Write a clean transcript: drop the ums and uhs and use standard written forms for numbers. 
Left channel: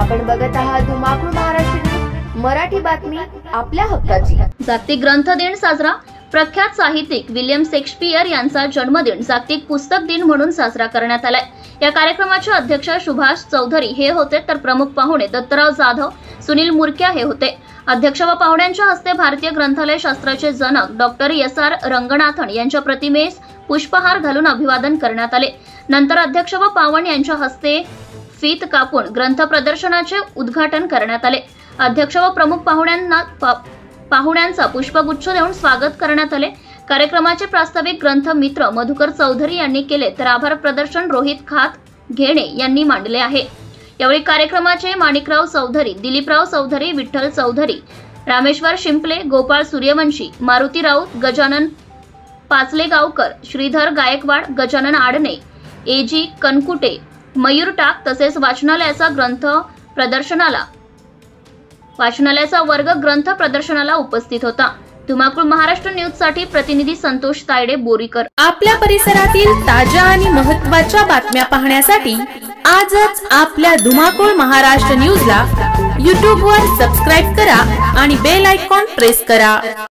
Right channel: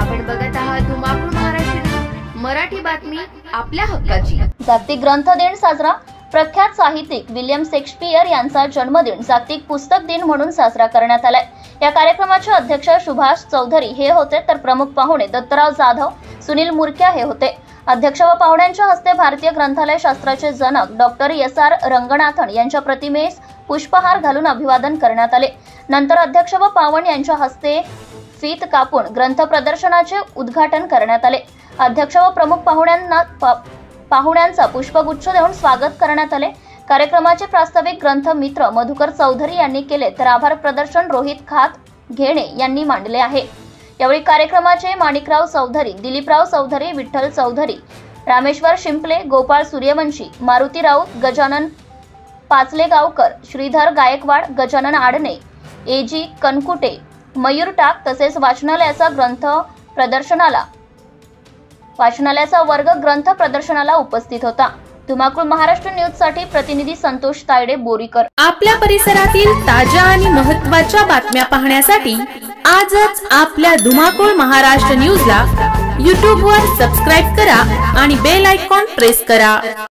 आपण बघत आहात धुमाकूळ महाराष्ट्र न्यूज, मराठी बातमी आपल्या हक्काची। जागतिक ग्रंथ दिन साजरा। प्रख्यात साहित्यिक विलियम शेक्सपियर यांचा जन्मदिन जागतिक पुस्तक दिन म्हणून साजरा करण्यात आलाय। या कार्यक्रमाचे अध्यक्ष सुभाष चौधरी हे होते, तर प्रमुख पाहुणे दत्तराव जाधव, सुनील मुरक्या हे होते। अध्यक्ष व पाहुण्यांच्या हस्ते भारतीय ग्रंथालय शास्त्राचे जनक डॉक्टर SR रंगनाथन यांच्या प्रतिमेस पुष्पहार घालून अभिवादन करण्यात आले। नंतर अध्यक्ष व पाहुण यांच्या हस्ते फीत कापून ग्रंथ प्रदर्शनाचे उद्घाटन करण्यात आले। अध्यक्ष व प्रमुख पाहुण्यांचा पुष्पगुच्छ देऊन स्वागत करण्यात आले। कार्यक्रमाचे प्रास्ताविक ग्रंथ मित्र मधुकर चौधरी यांनी केले, तर आभार प्रदर्शन रोहित खात घेणे यांनी मांडले आहे। यावेळी कार्यक्रमाचे माणिकराव चौधरी, दिलीपराव चौधरी, विठ्ठल चौधरी, रामेश्वर शिंपले, गोपाळ सूर्यवंशी, मारुती राऊत, गजानन पाचलेगावकर, श्रीधर गायकवाड, गजानन आडणे, AG कनकुटे, मयूर टाक तसेच वाचनालयाचा वर्ग ग्रंथ प्रदर्शनाला उपस्थित होता। धुमाकूळ महाराष्ट्र न्यूज साठी प्रतिनिधी संतोष तायडे, बोरीकर। आपल्या परिसरातील ताज्या आणि महत्त्वाच्या बातम्या पाहण्यासाठी आजच आपल्या धुमाकूळ महाराष्ट्र न्यूजला YouTube वर सबस्क्राइब करा आणि बेल आयकॉन प्रेस करा।